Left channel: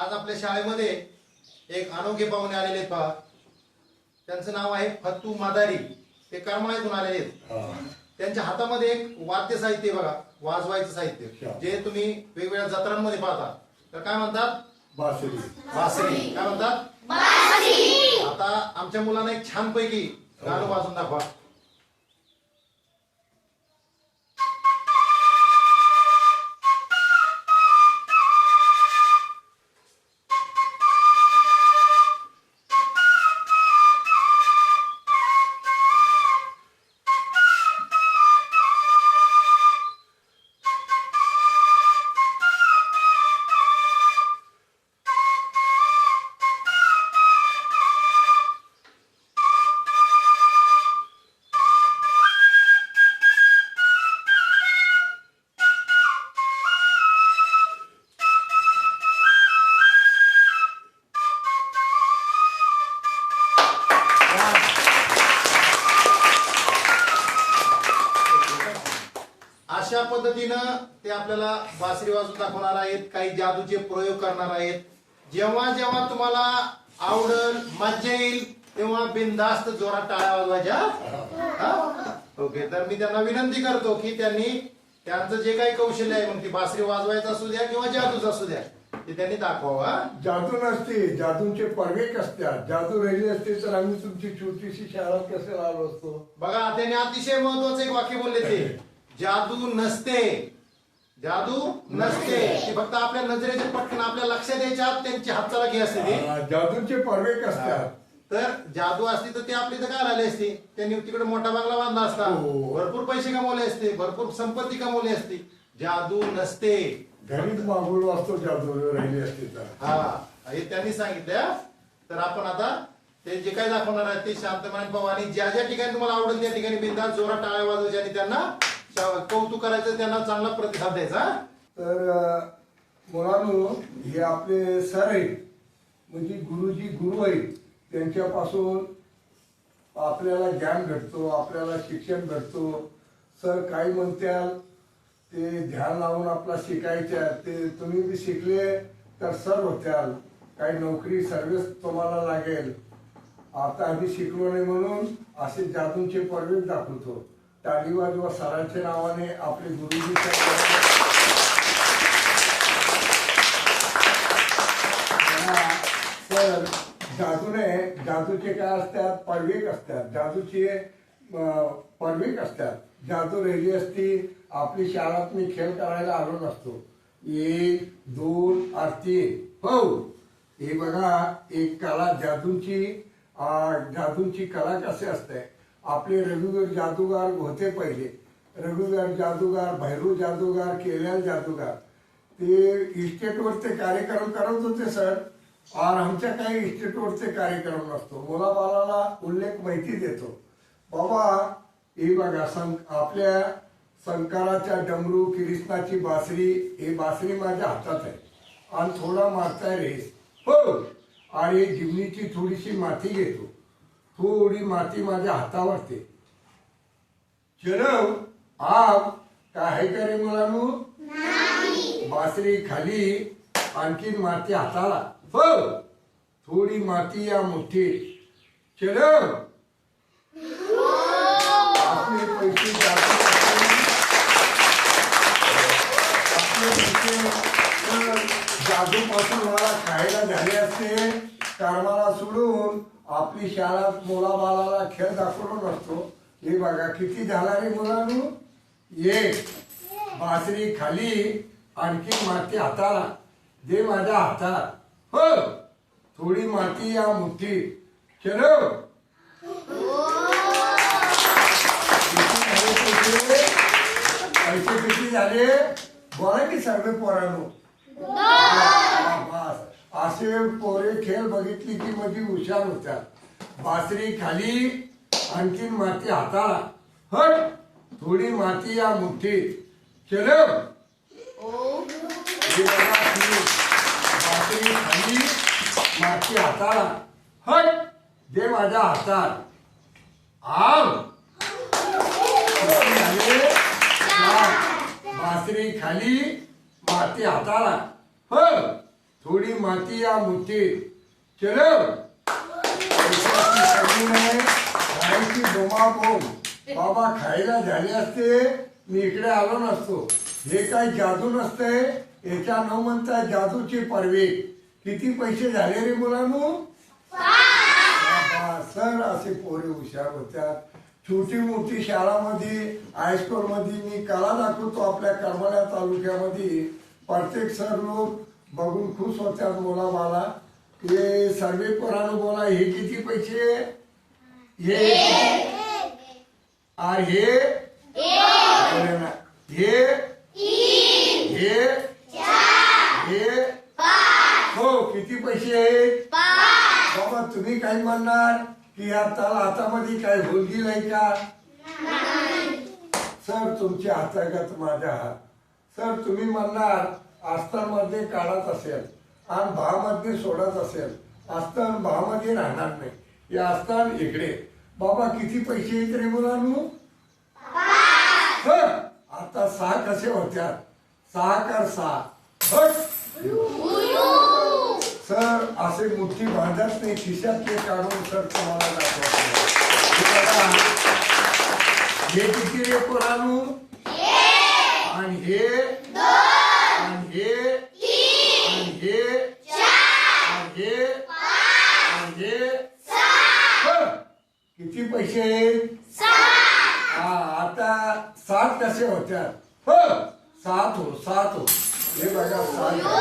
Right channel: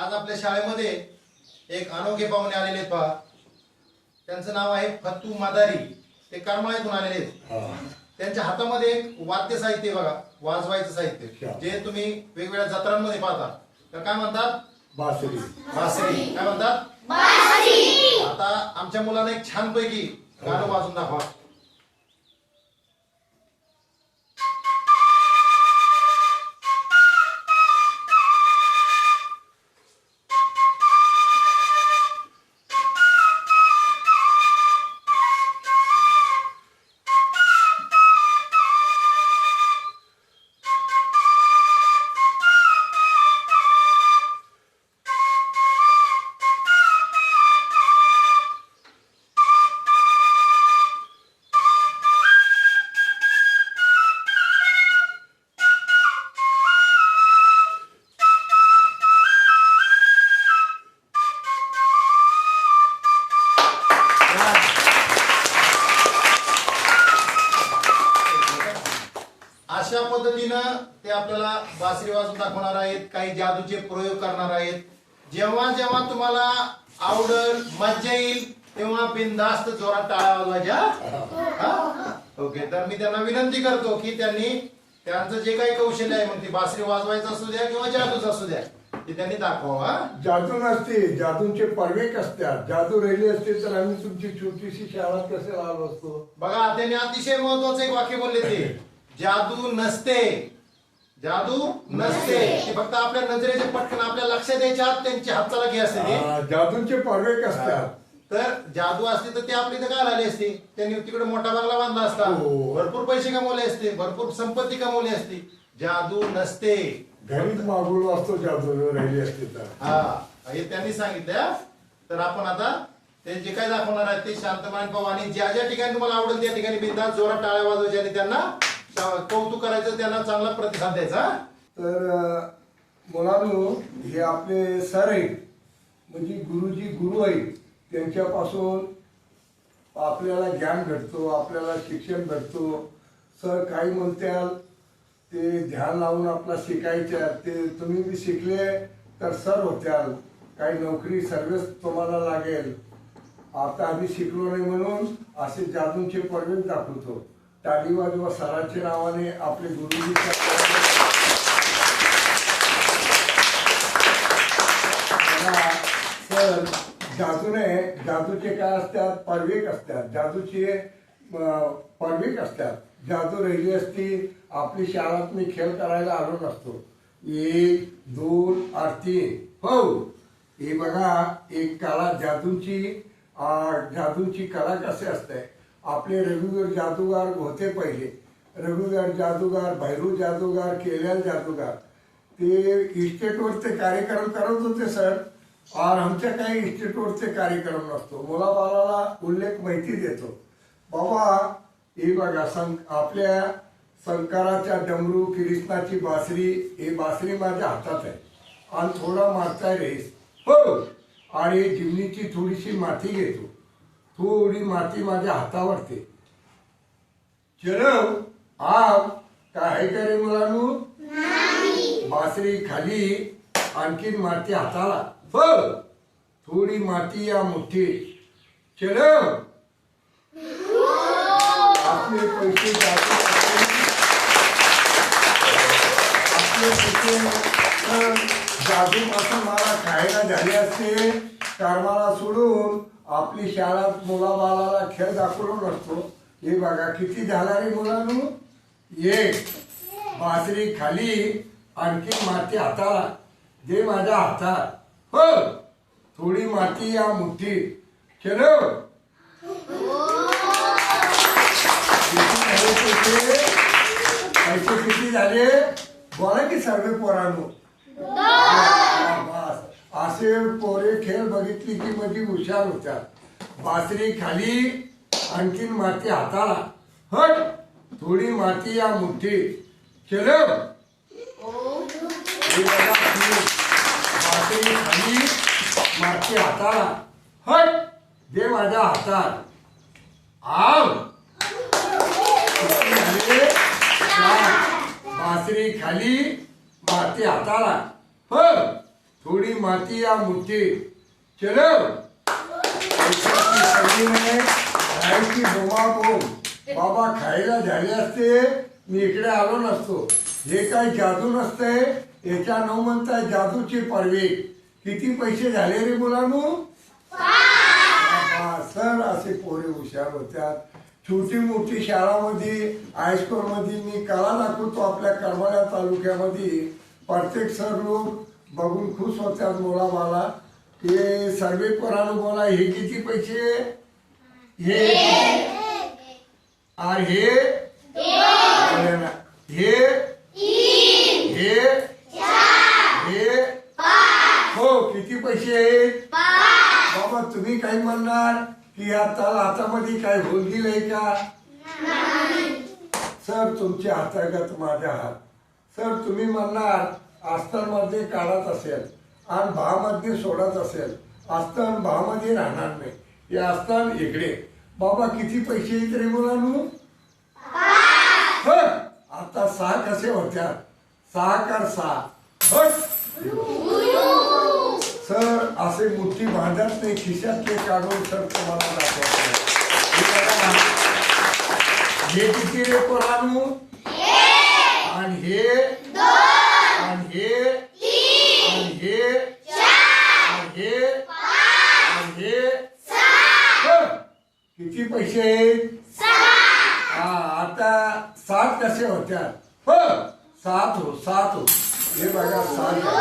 आज आपल्या शाळेमध्ये एक अनोखे पाहुणे आलेले आहेत पहा. त्यांचं नाव आहे फत्तू मादारी. ते करमाळ्यातून आलेले आहेत. त्यांच्या हातामध्ये एक वाद्य साहित्य आहे बघा वाजवायचं साहित्य. जे तुम्ही वेगवेगळ्या जत्रांमध्ये पाहता. तर काय म्हणतात? बासरी. बासरी. काय म्हणतात? आता आमच्या मुलांना एक छानपैकी गाणं वाजून दाखवा. दाखवणार आहेत काही जादूचे प्रयोग करणार आहेत. जेव्हा जेव्हा तुम्हाला आवडल मज्जा येईल तेव्हा बिनधास्त जोरात टाळ्या वाजवायच्या. हा? ओके तर मी त्यांना विनंती करतो की त्यांनी त्यांचं जे काही कौशल्य आहे मग ती बासरी वाजवायचं असू द्या किंवा जादूच असू द्या ते त्यांनी दाखवा हा? जादू नसते जादूंचे पर्वेक असतात. जादू राहिली असते तर आम्ही तुमची छोटीशी शाळा कसे आलो असतो? बघा त्यांनी अतिशय महत्वाचं एक वाक्य बोलले ते. जादू नसते. जादू नसते. ते फक्त आपल्या नजरेचे पटकन आपल्या लक्षात यायच्या आत त्यांची हातचाला असते ते. आ, जादूंचे पर्वेक असतात. तर जादू असते तर ते आपली इथं काय आले असते? त्यांनी तिकडे मोठा बंगला बांधला असता. हो. भरपूर पैसे कमवले असते भरपूर संपत्ती कमवली असती. जादू नसते. घरीच मागवलो असतो जादू राहिली असते तर. हा हे त्यांनी सांगितलं. हा. तर आपण आता ते जे काही दाखवणार आहेत ते शांतपणे पाहू. आणि ज्या ज्या ठिकाणी तुम्हाला आवडेल त्या ठिकाणी बिंदास जोरात टाळ्या वाजवायच्या आणि त्यांना कौतुक करायचं त्यांना चांगला प्रतिसाद द्यायचा तर मुलांनो हे आपले सर आहेत. म्हणजे गुरुजी गुरु आहेत. त्यांच्यापासून आपल्याला ज्ञान घडतो आपल्याला शिक्षण घडतो. सर काही म्हणत्याल ते ध्यान लावून आपला शिकायच्या ते तुम्ही बी शिकले तर सर होत्याल. काही नोकरी सर्व्हिस तुम्हाला लागेल. आता आम्ही शिकलो नाही म्हणून असे जादूंचे पर्वेक दाखवतो. टाळी वाजवा सरांच्या नावाने आपले गुरुजी तर जादूने जादूचे काय असतात? पर्वेक असतात. जादूचे अं, असतात. जादू रेली असती आपली शाळात मी खेळ करायला आलो नसतो. एक दोन आरती हो. हे बघा एक कला जादूची जादूंची जादूची कला कसे असते? आपले रघुवीर जादूगार होते पहिले. रघुवीर जादूगार भैरू जादूगार केल्याल जादूगार. ते इस्टेटवरचे कार्यक्रम करत होते सर. और आमच्या काही इन्स्टिट्यूटचे कार्यक्रम नसतो. मुलाबालाला उल्लेख माहिती देतो. बाबा हे बघा सं आपल्या शंकराच्या डमरू कृष्णाची बासरी हे बासरी माझ्या हातात आहे. आणि थोडा मारताय रेस हो! आणि जिमनीची थोडीशी माती घेतो. थोडी माती माझ्या हातावरते चलो आप काय आहे का रे मुलांनो बासरी खाली आणखीन माती हाताला. हो थोडी माती या मुठीत. चलो आपले पैसे आपले पैसे पासून मला खायला झाले असते कर्माला सोडून आपली शाळा मुलाबाळाला खेळ दाखवलो नसतो. हे बघा किती झाला रे मुलांनो? एक बासरी खाली आणखी माती हाताला. दे माझ्या हातात. हो थोडी माती या मुठीत चलो किती झाले पैसे पैसे किती झाले? बोला की सर्व पोरांनो. असे पोरे खेळ बघितली की माझी हुशार होत्यात. बासरी खाली आणखीन माती हाताला. हट थोडी माती या मुठीत. चलो बासरी खाली माती हाताला. हट दे माझ्या हातात. आव. बासरी खाली माती हाताला. हो थोडी माती या मुद्दे. चलो पैशाची खायची बोमाबोम बाबा खायला झाले असते मी इकडे आलो नसतो. हे काय जादू नसतंय याच्या नऊ म्हणताय जादूचे पर्वे. किती पैसे झाले रे मुलांनो? बाबा, सर असे पोरे हुशार होत्या छोटी मोठी शाळामध्ये हायस्कूलमध्ये मी कला दाखवतो आपल्या करमाळ्या तालुक्यामध्ये. प्रत्येक सर लोक बघून खुश होत्यात मुला मला हे सर्वे पोरानं बोला हे किती पैसे? हे हे? बोला. हे? हे? हे? हो किती पैसे आहेत? बाबा तुम्ही काय म्हणणार? की या ताल हातामध्ये काय होलगिल आहे का? सर तुमच्या हातागत माझ्या हात. सर तुम्ही म्हणणार आस्थानमध्ये काढत असेल आणि भामध्ये सोडत असेल आस्थान भामध्ये राहणार नाही. हे आस्थान इकडे. बाबा किती पैसे येत रे मुलांनो? हं, आता सहा कसे होत्या? सहा कर सहा. सर असे मोठी भांडत नाही. खिशातले काढून सर तुम्हाला दाखवतो. हे. हे किती रे पोरानू? आणि हे. आणि हे आणि हे आणि हे आणि हे किती पैसे आहेत? हा आता सात कसे होत्या हो सात हो सात हो. हे बघा सात हो.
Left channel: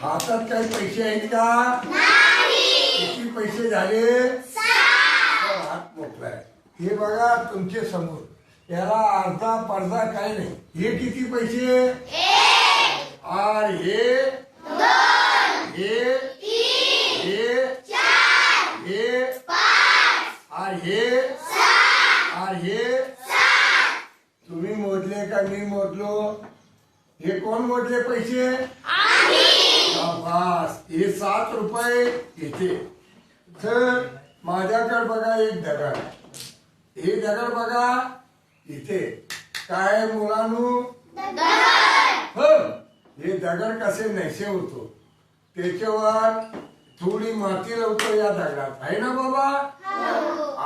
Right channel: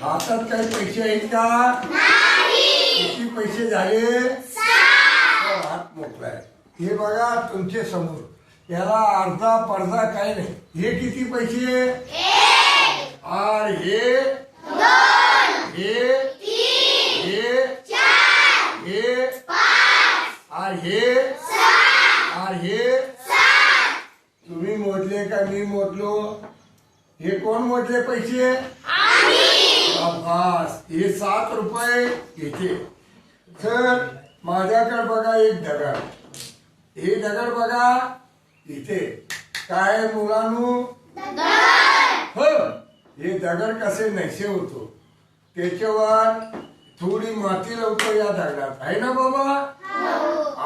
हातात काही पैसे आहेत का? किती पैसे झाले? हात मोकळा आहे. हे बघा तुमचे समोर. याला अर्धा पडदा काही नाही. हे किती पैसे? आणि हे? हे? हे? हे? हे? हे? तुम्ही मोजले का मी मोजलो? हे कोण मोजले पैसे? हे सात रुपये येते तर माझ्याकडे बघा एक दगड. हे दगड बघा. इथे. काय मुलांनो? हो. हे दगड कसे नैसे होतो? त्याच्यावर थोडी माती लावतो या दगडात. आहे ना बाबा?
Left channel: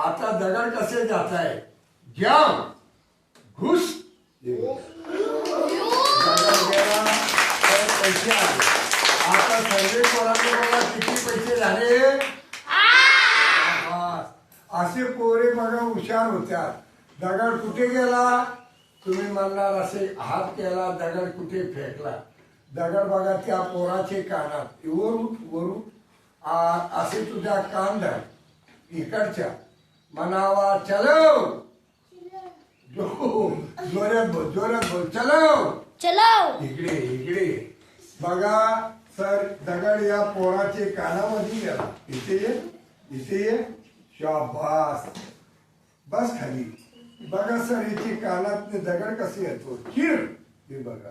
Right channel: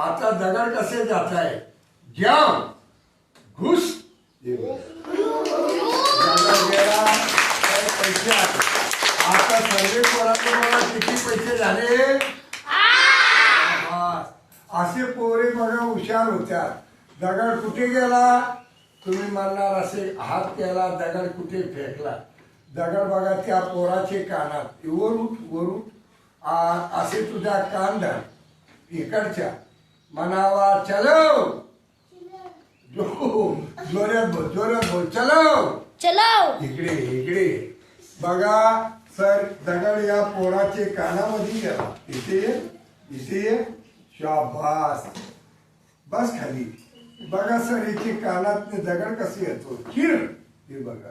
आता दगड कसे जात आहे जाम. घुस. पैसे आले आता सर्वे पोरांचे मला किती पैसे झाले. असे पोरे बघा हुशार होत्या दगड कुठे गेला? तुम्ही म्हणणार असे हात केला दगड कुठे फेकला? दगड बघा त्या पोराचे कानात. वर उठ वर उठ. असे तुझ्या कान धर इकडच्या. म्हणावा चलो! जो जोरात बोल जोरात बोल. चलो! चलो! इकडे इकडे. बघा सर दगड या पोराचे कानामध्ये गेला. इथे ये इथे ये. शाबास. बस खाली. बघा सर इथे कानात दगड कसे येतो. चिर हे बघा.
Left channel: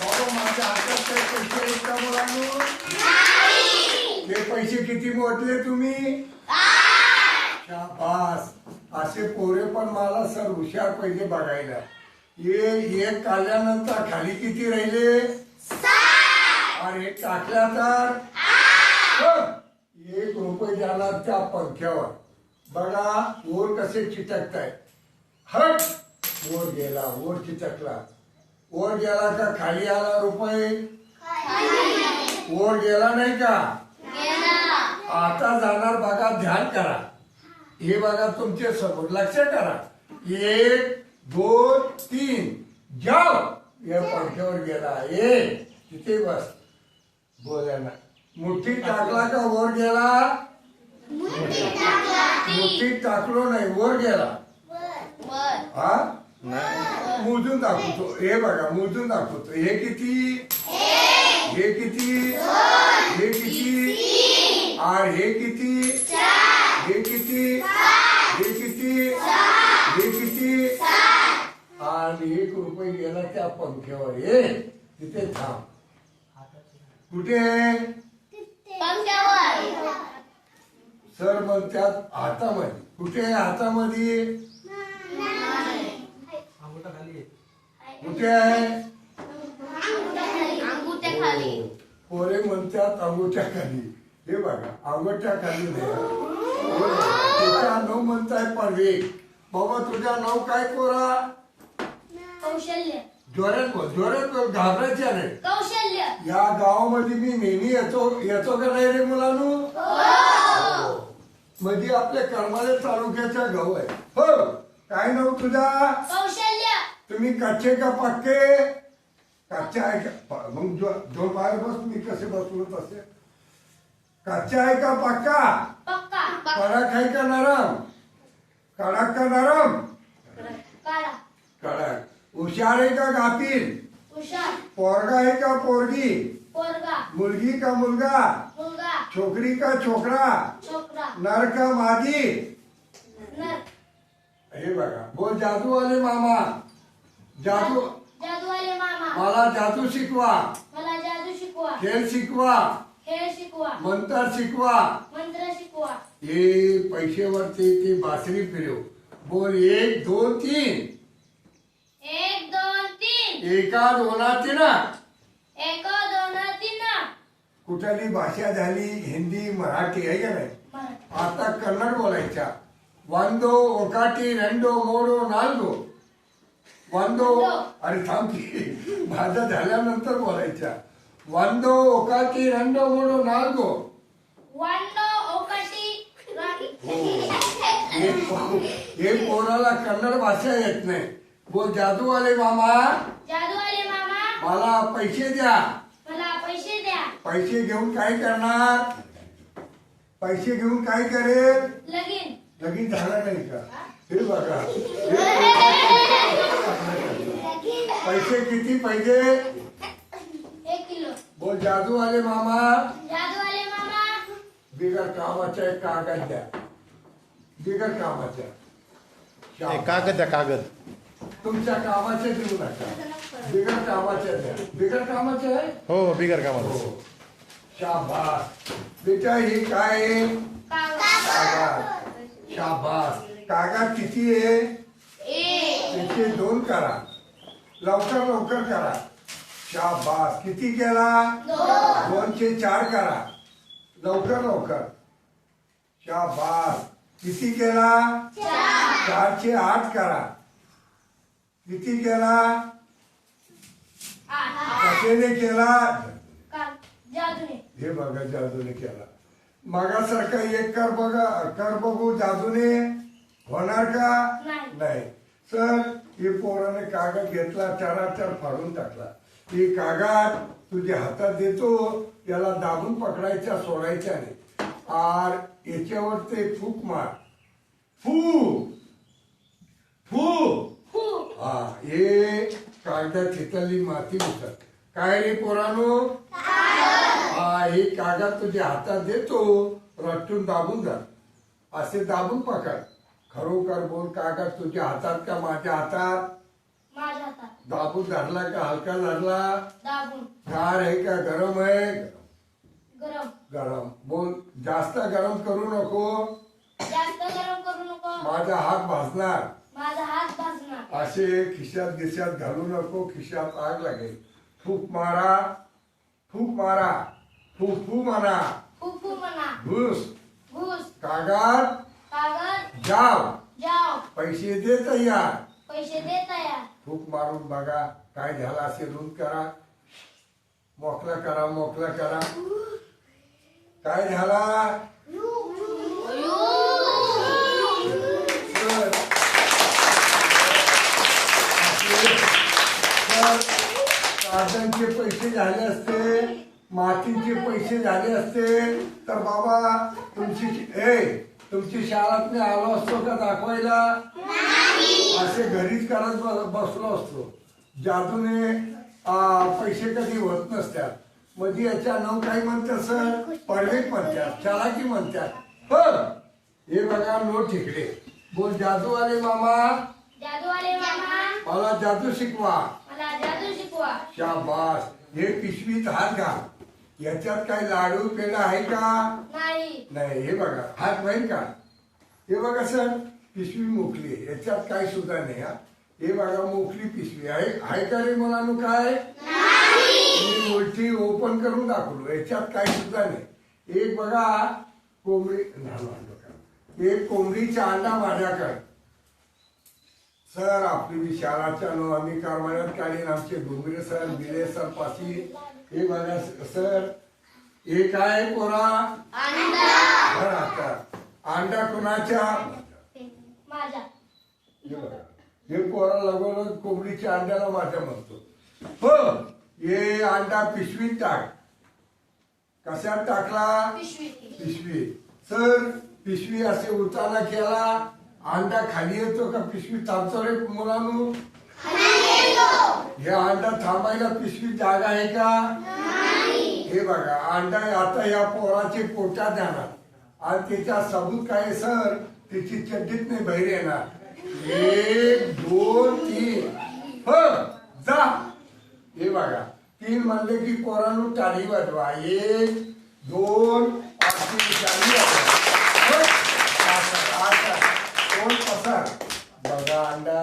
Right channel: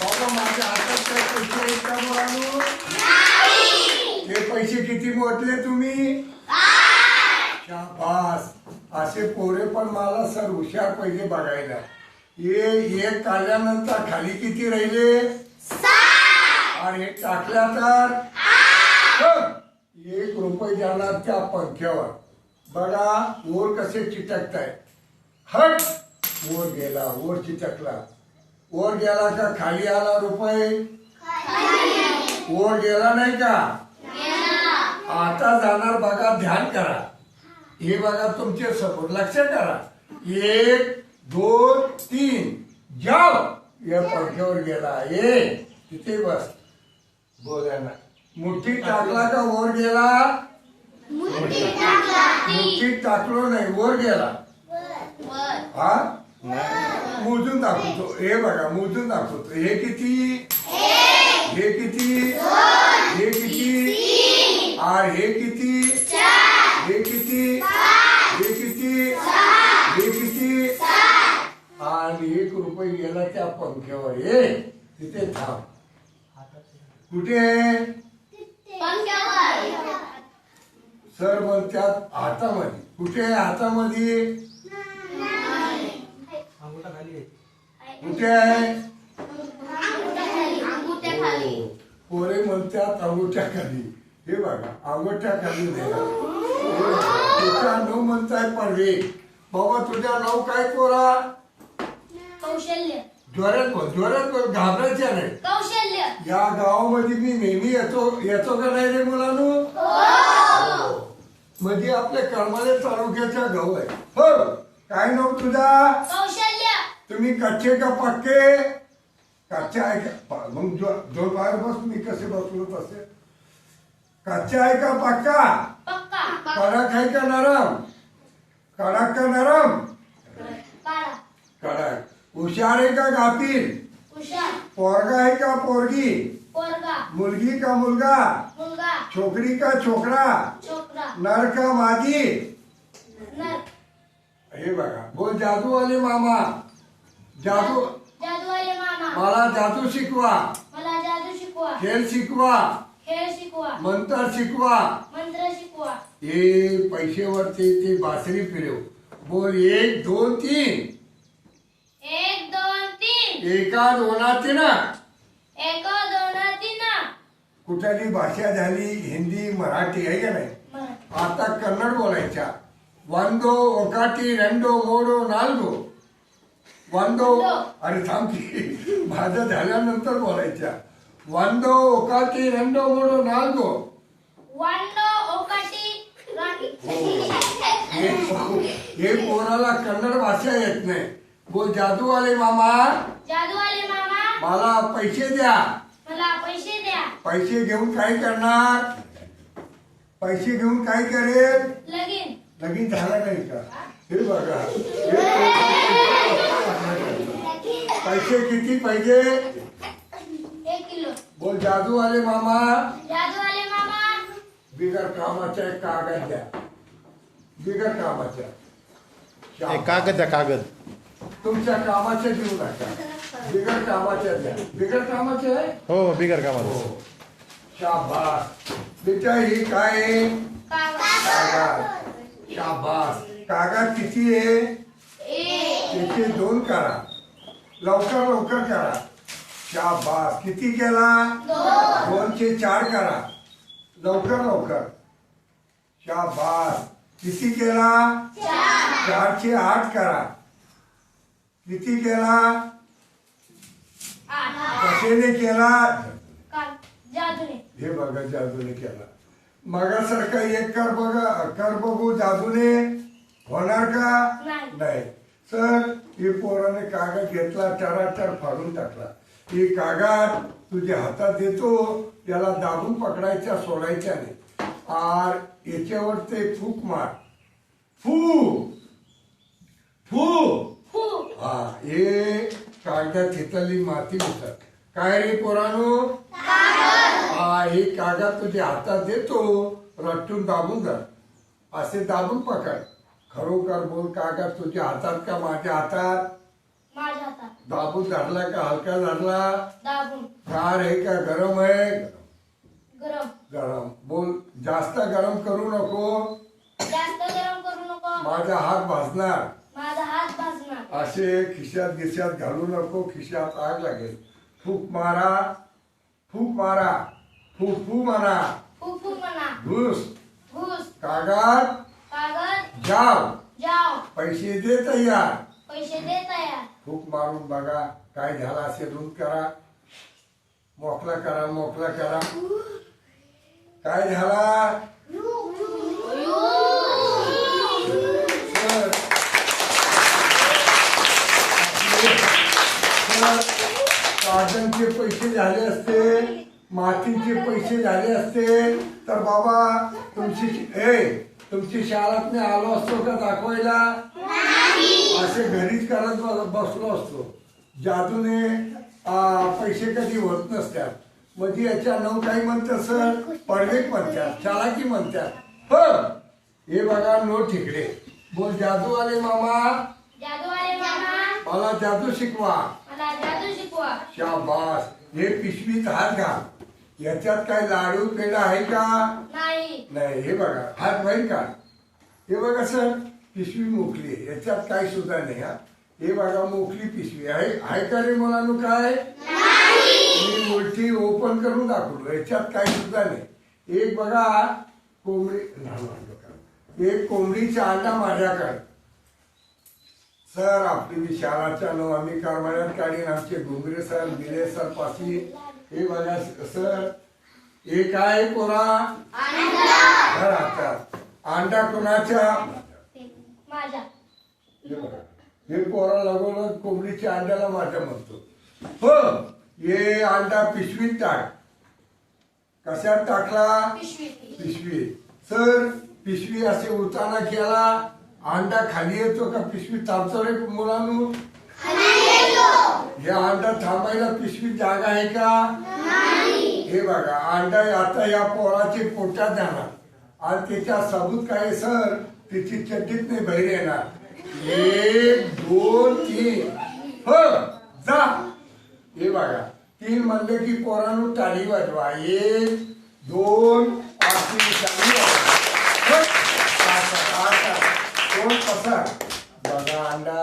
बाबा माझ्या हातात काय पैसे आहेत का मुलांनो हे पैसे किती मोटले तुम्ही? शाबास. असे पोरे पण मला सर हुशार पहिले बघायला. हे एक काढल्यानंतर खाली किती राहिले? आणि एक टाकल्या तर एक रुपये जाणार त्या पंख्यावर. बघा ओर कसे चिटकताय हट! वर गेला ओर चिटकला. ओर गेला का खाली आला रुपये. ओर गेला नाही का? आता जाणार बघा ध्यान करा. हे बघा तुमच्यासमोर लक्ष करा. एक दोन तीन. जाव! या पंख्यावर गेला. ए तिथे बस. बोल्या ना. मुठी टाकला का? वर गेला? मुठीत टाकलो. नाही वर गेला. हा? मोजून दाखवतो. हे बघा मोजून दाखवतो. हे किती? हे किती? हे किती? आर हे किती? हे किती? हे किती? हे किती? आणि एक रुपये गेला त्या पंख्यावर. ये तिथे थांब. कुठे? सर म्हणतात हातामध्ये. कुठे आहे हातामध्ये? कुठे आहे? खाली. पोरे म्हणतात अंगोठ्या खाली. हे बघा अंगोठ्या खाली नाही. हा. हे तुझ्या नाव म्हणताय परवे बाबा तुझ्या नाव काय पोरा? कौशल्य. जोरात बोल जोरात बोल घाबरायच्या नाही. कौशल्य. या गावामध्ये मी नेहमी येतो येतो का नाही रे मुलांनो? म्हणजे आपल्या करमाले तालुक्याचा गाव आहे. हो काय नाव तुझा? कौशल्य. तुम्ही कच्चे का पक्के? कच्चे आहे का? प- मग जो जो बाहेर बस मी कसे बसलो तसे कच्चा आहे का पक्का? पक्का. कडक आहे का नरम? कडक का नरम? काळा कडक हुशार आहे का हुशार. पोरगा आहे का पोरगी? मुलगी का मुलगा मुलगा छोकरी का छोकरा। नर का नर। हे बघा बोल जादूवाले मामा। जादू जादूवाले मामा। मला जादू शिकवा। मला जादू शिकवा। खेळ शिकवा। खेळ शिकवा। मंत्र शिकवा। मंत्र शिकवा। हे पैसेवरती ती बासरी फिरव. बोल एक दोन तीन. एक दोन तीन. एका दोना तीन. एक कुठली भाषा झाली? हिंदी मराठी आहे का नाही? आता कन्नड बोलायच्या वांदो ओकाटी रेंडो मोडो नालगो वांदो अरे थांबी की. माझं झाल्यानंतर बोलायच्या वांदो ओकाटी रेंडो मोडो नालगो हो. हे. कोणाला कन्नड भाषा येत नाही. बोल जादूवाले मामा. जादूवाले मामा. मला पैसे द्या. मला पैसे द्या. पैसे घेऊन काय करणार? पैसे घेऊन काय करेल? लगीन. लगीन झाला नाही का? हे बघा. पैसे किती पाहिजे? एक किलो. बोल जादूवाले मामा. जादूवाले मामा. बिगर कामाचा एक कागद द्या. बिगर कामाचा. कागद द्या कागद. तुमच्या कामाच्या देऊ नका बिगर कामाच्या द्या बिगर कामाचे आहे? हो बिगर कामाचं हो. शाबास. बेटा ही काय आहे? कागद. शाबास. कागद किती आहे? एक. त्याचे दोन करा. लवकर लवकर करा. शाबास. किती केला? दोन. दोनशे चार करा. लवकर लवकर. शाबास. किती केला? चार. चारशे आठ करा. किती केला? कशाने केला? हे बघा जादूने केला. मागासारखा एक कर बघा कर बघू जादूने. होणार का? नाही. नाही. सर हे पोराने कागद घेतला चराचर फाडून टाकला. हे कागद तुझ्या हातात देतो याला दाबून पकडायच्या सोडायच्या नाही. आर याच्यावर ते फूक मार. फू. फू. फू. हा हे कागदात घेतलेली माती होतात. काय रे पोरानो? हा हे कागद तुझ्या हातात देतो रट्टून दाबून जा असे दाबून पकड. खरोखर बोल कागद तुझ्या हातात का माझ्या हातात? माझ्या हातात. दाबून धरला का हलका धरला? दाबून. गार आहे का? गरम आहे? गरम. गरम. बोल जास्त गरम करू नको. जास्त गरम करू नको. माझा हात भाजणार. माझा हात भाजणार असे खिशात गिशात घालू नको खिशात आग लागेल. फूक मारा फूक मारा फू फू मारा फू फू म्हणा. घुस. घुस. कागद. कागद. जाव. जाव. पैसे दे तयार. पैसे दे तयार. फूक मारून बघा काय झाला असे रुंद करा. मोकला करा मोकला करा. काय झाला सर कागदांचे पैसे झाले असते मातीचे पैसे झाले असते. तर बाबा तुमची ए तुमची शाळात मी आलो असतो का दाखवायला? असे घरीच करत बसलो असतो. जादूने आ, पैसे कधी होत नसतात. म्हणजे याच्या नाव काही म्हणतात सर? पडवेक म्हणतात चालाकी म्हणतात. हो हे बघा नो ठिकडे बोल जादूवाले मामा. मला जादू शिकवा. शाबास. हे पिशवीत हात घाल. याच्यात काय लाडू पेढा आहे का? नाही. नाही हे बघा. हात बाहेर का? हे बघा सर पिशवी मोकली आहे. याच्यात काही सुद्धा नाही हा. हे बघा मोकली पिशवी आहे. आहे का रे मुलांनो काय? मी उलटी ओपन करून दाखवलो याच्यात काही सुद्धा नाही. एक बघा कोंबडी. एक कोंबडीचा अंडा माझ्याकडे. सर आपली शाळाच्या नो आम्ही कारवाड्यात काढीन आमचे घुमरे सर बिले सर पाशी हे बघा सर हे काय कोरा तर आता. अंडा कोणाच्या हे बघा. हे पोरा लागून कोंबडीच्या अंड्याला माझ्या म्हणतो. हो हे अंडा पिशवीत टाक. कशात टाकला? पिशवी सर पिशवी असे उताना केला अंडा खाली येतो का? पिशवी रे मुलांनो? हे अंडा थांबायला पिशवी जागा आहे का? हे बघा अंडा आता या पोराचे पोटात जाणार. आणि त्याच्या सबूत काय सर? त्याची चड्डीत नाही बाहेर येणार. एक दोन तीन. हो जा. हे बघा तीन म्हणले की पोरांनो टाळी वाजवा. एक दोन अशी टाळी वाजवा. कोण पसार बघा अंडा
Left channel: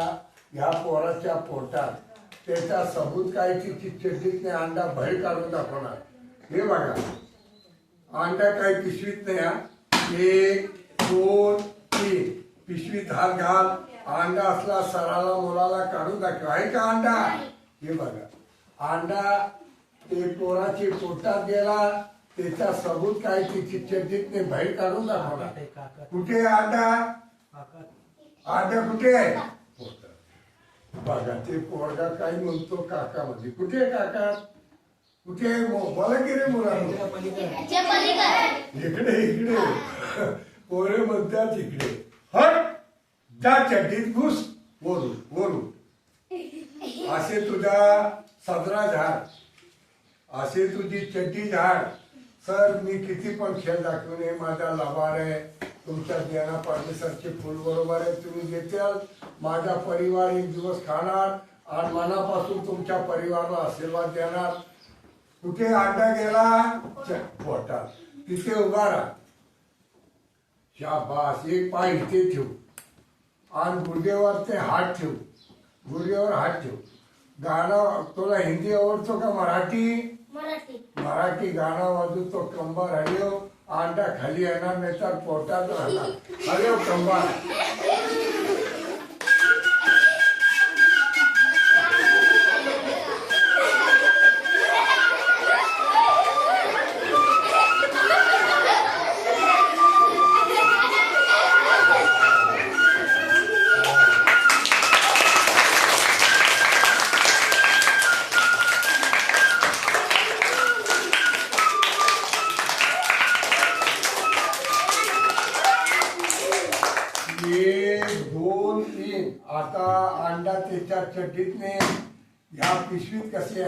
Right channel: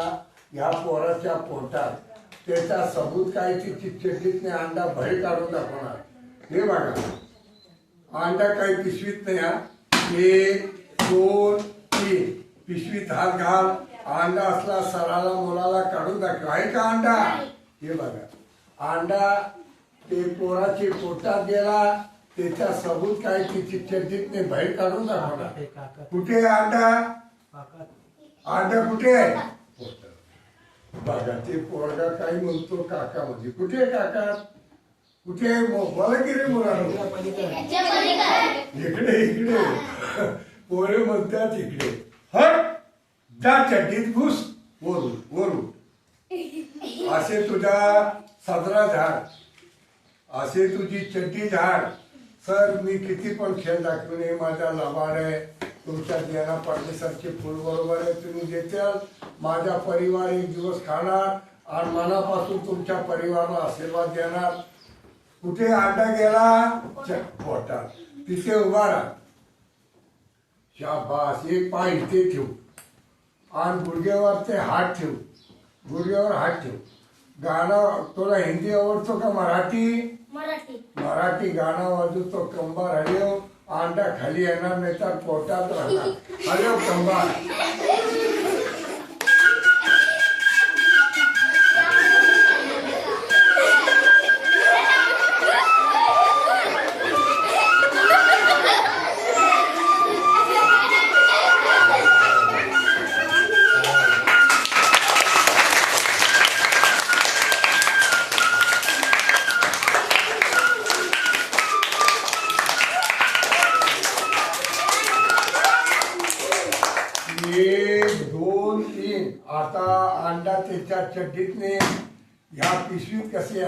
ह्या पोराच्या पोटात. त्याचा सबूत काय तिची चड्डीतने अंडा बाहेर काढून दाखवणार. हे बघा. अंडा काही पिशवीत नाही हा. एक दोन तीन. पिशवीत हात घाल. अंडा असला सराला मुलाला काढून दाखव. आहे का अंडा? हे बघा. अंडा ते पोराची पोटात गेला त्याचा सबूत काय तिची चड्डीतने बाहेर काढून दाखवणार. कुठे अंडा? अंडा कुठे आहे? पोटात. बघा ते पोरगा काय म्हणतो काका म्हणजे कुठे आहे काका? कुठे मला रे मुलांनो इकडे इकडे पोरे म्हणतात इकडे. हट! जा चड्डीत घुस. वरून वरून. असे तुझा सदरा झाड. असे तुझी चड्डी झाड. सर मी किती पण खेळ दाखवणे माझा लबाड आहे. तुमच्या ज्ञाना परमेश्वरचे फुल बरोबर आहे तुम्ही देताल माझा परिवार एक दिवस खाणार आणि मनापासून तुमच्या परिवाराला आशीर्वाद देणार. कुठे अंडा गेला? पोटात. तिथे उभा राहा. शाबास. एक पाय इथे ठेव. आणि गुडघ्यावर ते हात ठेव. गुडघ्यावर हात ठेव. गाणं तुला हिंदी आवडतो का मराठी? मराठी. मराठी गाणं वाजवतो कंबार हरिओ अंडा खाली येणार नाही तर पोटात राहणार. हरिओ हो, कंबा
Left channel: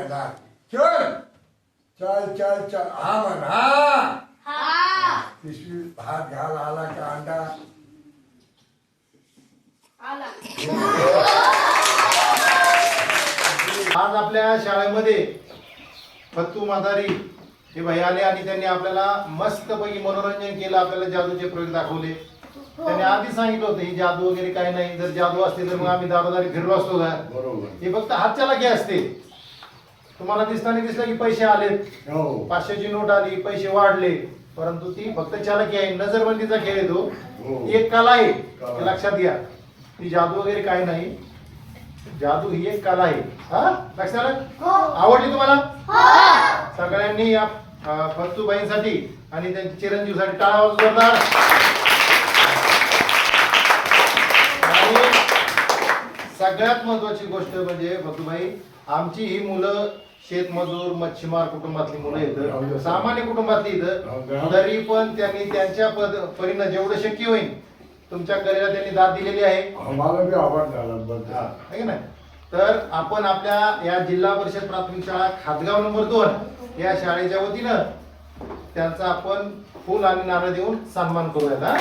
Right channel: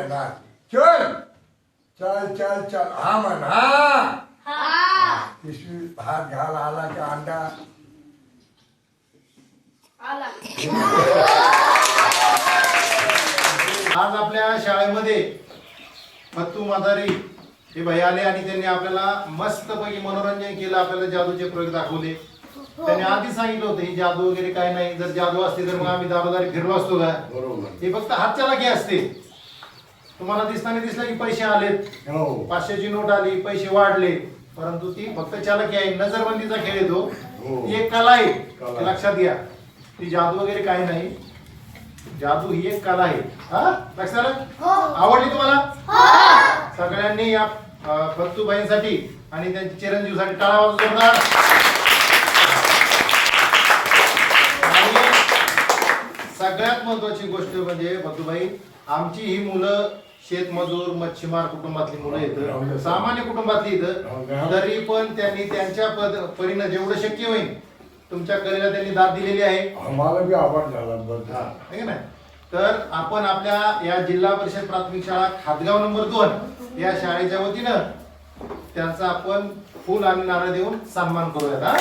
येणार. चल. चल चल चल. हा म्हण. हा. हा पिशवी हात घाल आला का अंडा? आला. आज आपल्या शाळेमध्ये फत्तू माधारी हे भाई आले आणि त्यांनी आपल्याला मस्तपैकी मनोरंजन केलं आपल्याला जादूचे प्रयोग दाखवले. त्यांनी आधी सांगितलं होतं ही जादू वगैरे काय नाही जर जादू असते तर मग आम्ही दारोदारी फिरलो असतो का? बरोबर. हे फक्त हातच्या लागे असते. तुम्हाला दिसताना दिसलं की पैसे आलेत. हो. पाचशेची नोट आली पैसे वाढले. परंतु ती फक्त चालकी आहे नजरबंदीचा खेळ येतो हो. ती एक कला आहे कला. हे लक्षात घ्या. ती जादू वगैरे काही नाही. जादू ही एक कला आहे. हा? लक्षात आलं? आवडली तुम्हाला? सगळ्यांनी या अं, फत्तूबाईंसाठी आणि त्यांच्या चिरंजीवसाठी टाळा वाजवून जोरदार. आणि सगळ्यात महत्वाची गोष्ट म्हणजे भतुबाई आमची ही मुलं शेतमजूर मच्छीमार कुटुंबातली मुलं आहेत सामान्य कुटुंबातली इथं तरी पण त्यांनी त्यांच्या पद परीनं जेवढं शक्य होईल तुमच्या कलेला त्यांनी दाद दिलेली आहे. बी झाला नाही? तर आपण आपल्या या जिल्हा परिषद प्राथमिक शाळा खातगाव नंबर दोन या शाळेच्या वतीनं त्यांचा आपण फुल आणि नारळ देऊन सन्मान करूयात हा?